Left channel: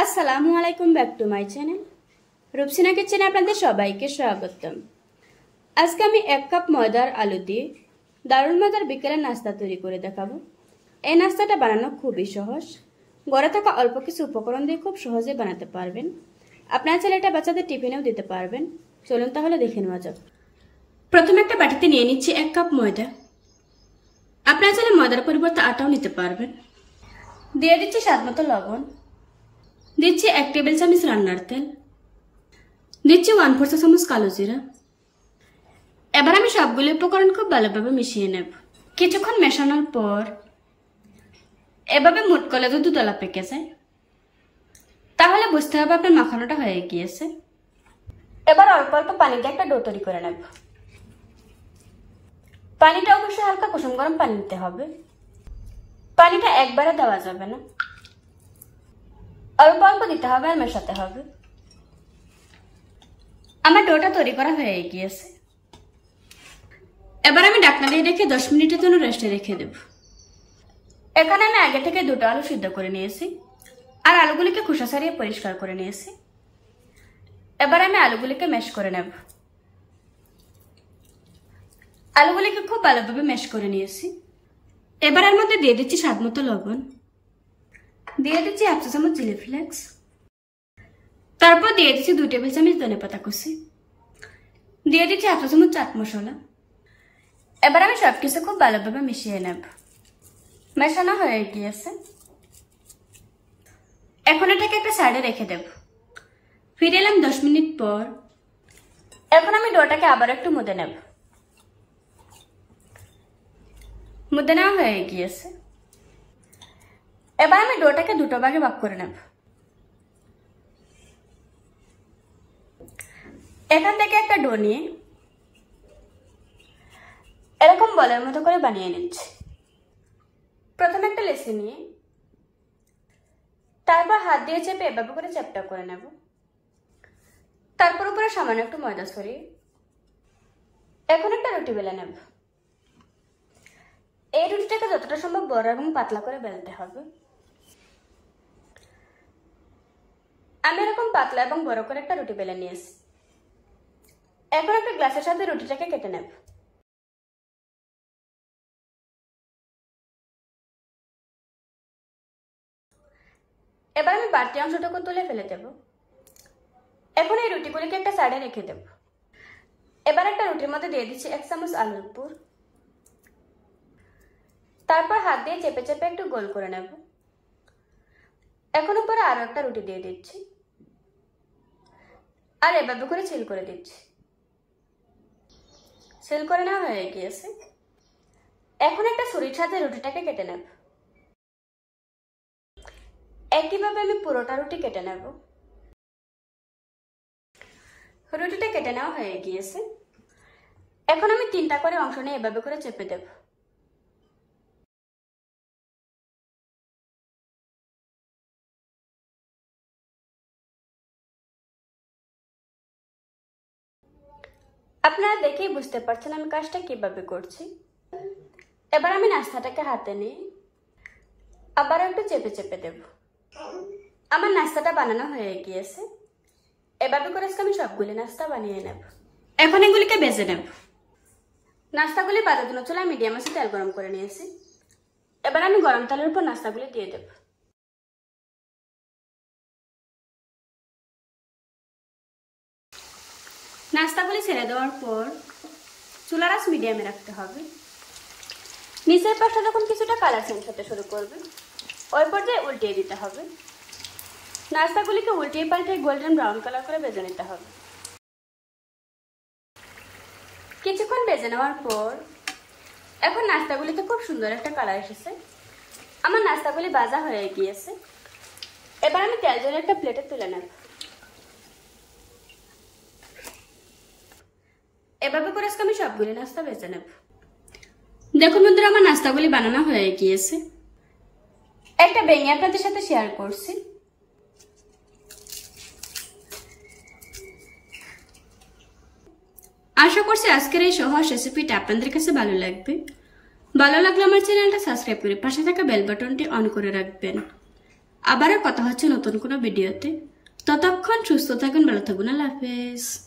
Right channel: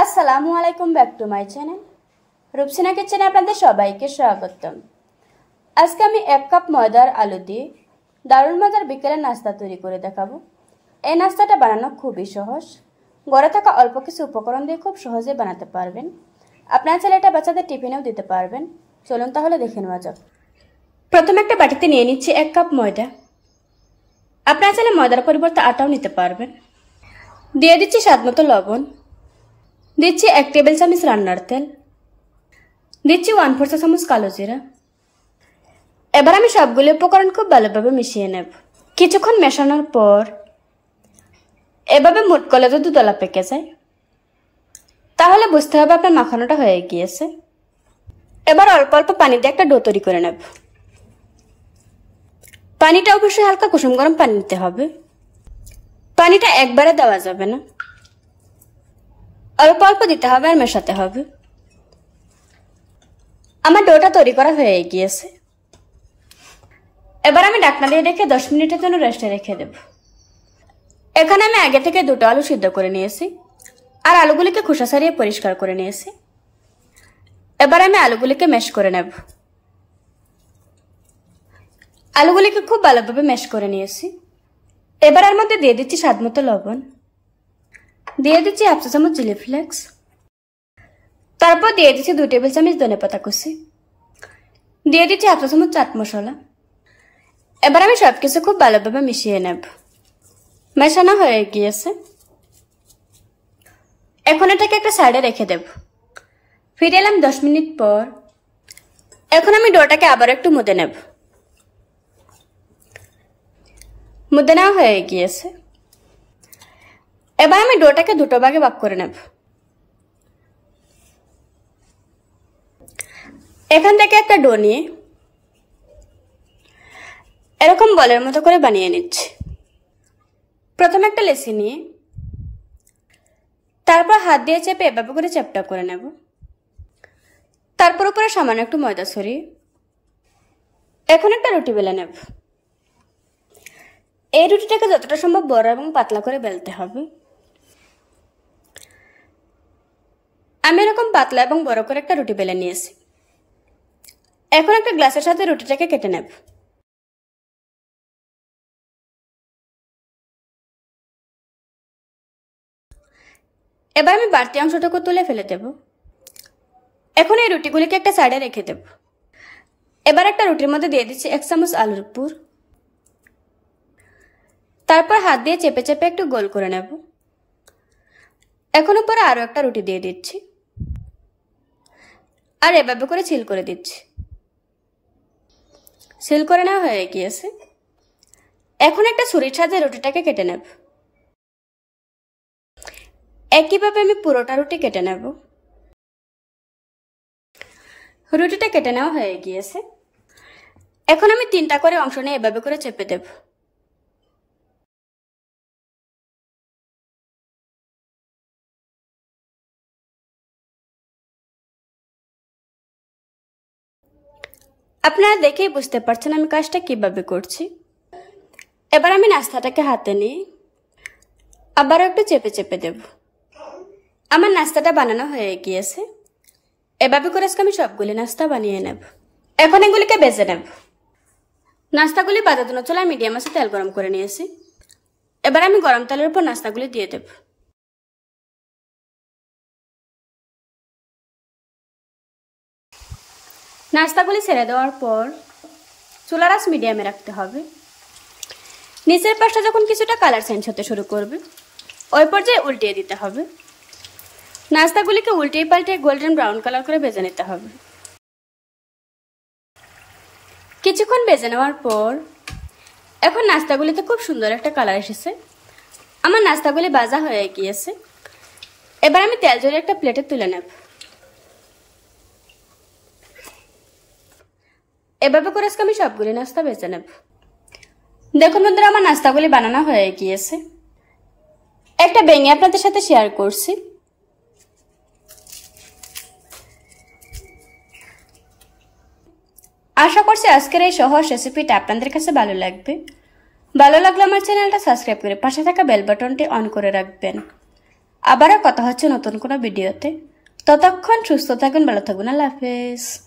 আসসালামু আলাইকুম, back to my channel Rupsina কিচেনে আপনাদের সবাইকে স্বাগতম। আজকে আমি 1 কাপ ময়দার আলু দিয়ে দারুণ মজার বিকেলের নাস্তা তৈরি করে দেখাবো। এই নাস্তাটা বানানো খুবই সহজ, ঘরে থাকা অল্প কিছু উপকরণ দিয়ে খুব সহজে বানাতে পারবেন। আপনার ছেলেটা বাচ্চাদের টিফিনেও দিতে পারবেন। চলুন তাহলে দেখে নেওয়া যাক। প্রথমে একটা বাটিতে নিয়ে নিচ্ছি 1 কাপ ময়দা। আপনার চাইলে ময়দার পরিবর্তে আটাও নিতে পারবেন। দিয়ে দিচ্ছি স্বাদমতো লবণ, দিচ্ছি 1 টেবিল চামচ রান্নার তেল, দিচ্ছি 1/4 চা চামচ কালো জিরা। এবার আমি সবগুলো উপকরণ খুব ভালোভাবে মিশিয়ে নেব। কিছুক্ষণ মেশানোর পর এভাবে মুঠ করলে যদি দলা পেকে যায় তাহলে বুঝতে হবে আপনার মাখানোটা হয়ে গিয়েছে। এবার অল্প অল্প পানি দিয়ে একটা ডো তৈরি করে নেব। পানিটা অবশ্যই হালকা কুসুম গরম পানি নিতে হবে। পানিটা একবারে দেওয়া যাবে না, অল্প অল্প দিতে হবে আর মেশাতে হবে। আমার ডোটা তৈরি করা হয়ে গিয়েছে। এবার আমি ঢাকনা দিয়ে রেখে 10 মিনিটের জন্য রেস্টে রেখে দেব। এখানে আমি আগে থেকে 2টো আলু সিদ্ধ করে নিয়েছি আর আলুগুলিকে খোসা ছাড়িয়ে পরিষ্কার করে নিয়েছি। এবার আমি আলুগুলিকে ম্যাশ করে নেব। আলুগুলিকে খুব ভালোভাবে ম্যাশ করে নিয়েছি। এবার এর মধ্যে দিয়ে দিচ্ছি স্বাদমতো লবণ, দিয়ে দিচ্ছি 1/2 চা চামচ চিলি ফ্লেক্স, তারপর দিয়ে দিচ্ছি 2 টেবিল চামচ ধনেপাতা কুচি, দিয়ে দিচ্ছি 1/2 চা চামচ চাট মশলা। এবার আমি সবকিছু খুব ভালোভাবে মিশিয়ে নেব। মেশানো হয়ে গিয়েছে। এখন এটাকে একটা সাইডে রেখে দেব। ফিরে এলাম 10 মিনিট পর। এখন আমি ডোটাকে আবার একটু মুদে নেব। মুদে নেওয়া হয়ে গিয়েছে। এবার আমি ডোটাকে 2টো ভাগে ভাগ করে নেব। এখান থেকে একটা ডো নিয়ে এরকম বলের মতো করে বানিয়ে নিচ্ছি। প্রথমে একটা লেচি নিয়ে তারপর হাত দিয়ে চেপে এভাবে করে চ্যাপটা করে নেব। তারপর উপরে সামান্য একটু ময়দা ছড়িয়ে এখন একটা রুটি বেলে নেব। এই রুটিটাকে যতটা সম্ভব বড় এবং পাতলা করে বেলতে হবে। আমি এরকম পাতলা এবং বড় করে একটা রুটি বেলে নিয়েছি। এখন একটা গ্লাসের সাথে রুটিটাকে কেটে নেব। এবার আমি বাড়তি অংশটুকু তুলে ফেলে দেব। এখন এই রুটিগুলিকে একটা সাইডে রেখে দেব। এবার একটা রুটির মধ্যে দিয়ে দিচ্ছি 1 চামচ আলুর পুর। তারপর হাত দিয়ে চেপে চেপে একটু গোল করে নেব। এখন উপরে আরো একটা রুটি দিয়ে দিচ্ছি আর এভাবে করে সিল করে দিচ্ছি। সিল করে নেওয়া হয়ে গিয়েছে। এখন একটা ছুরির সাহায্যে রুটিটাকে কেটে নেব। একইভাবে আমি পুরোটা রুটি কেটে নেব। রুটিটা কেটে নেওয়া হয়ে গিয়েছে। এখন আমি 3টা করে অংশ নিয়ে এভাবে করে চেপে দেব। আপনারা দেখেই বুঝতে পারছেন আমি কাজটা কিভাবে করছি। এবার আমি নাস্তাটাকে হাতে নিয়ে আবারও একটু চেপে চেপে দেব। আমার নাস্তাটা বানানো হয়ে গিয়েছে। এভাবে করে আজকে আমি সবগুলি নাস্তা বানিয়ে নেব। এখন এগুলিকে ভেজে নেব। নাস্তাগুলি ভাজার জন্য চুলায় মিডিয়াম আঁচে তেল গরম করে নিয়েছি। এবার আমি গরম তেলের উপর নাস্তাগুলি দিয়ে দেব। নাস্তাগুলি ছেড়ে দেওয়ার পর চুলার আঁচ মিডিয়ামে রাখতে হবে। নিচের পাশটা যখন কিছুটা কালার চেঞ্জ হতে শুরু করবে ওই পর্যায়ে উল্টিয়ে দিতে হবে। নাস্তাগুলিকে উল্টিয়ে পাল্টিয়ে গোল্ডেন ব্রাউন কালার করে ভেজে নিতে হবে। কিছুক্ষণ ভেজে নেওয়ার পর এখন নাস্তাগুলিতে খুব সুন্দর একটা কালার এসেছে। আমার নাস্তাগুলি ভাজা হয়ে গিয়েছে। এবার আমি তেল ঝরিয়ে একটা প্লেটে তুলে নেব। এভাবে করে আজকে আমি সবগুলি নাস্তা ভেজে নেব। দেখুন বন্ধুরা, আমার নাস্তাগুলি বানানো হয়ে গিয়েছে। একটা ভেঙে আপনাদের সাথে শেয়ার করছি। আশা করছি আজকের এই সহজ রেসিপিটা আপনাদের কাছে ভালো লাগবে। ভালো লাগলে আমার চ্যানেলটা সাবস্ক্রাইব করে পাশে থাকা বেল বাটনটি অন করে রাখবেন। আবারও কথা হচ্ছে নতুন কোনো ভিডিওতে। ততক্ষণ সুস্থ থাকুন, ভালো থাকুন। আল্লাহ হাফেজ।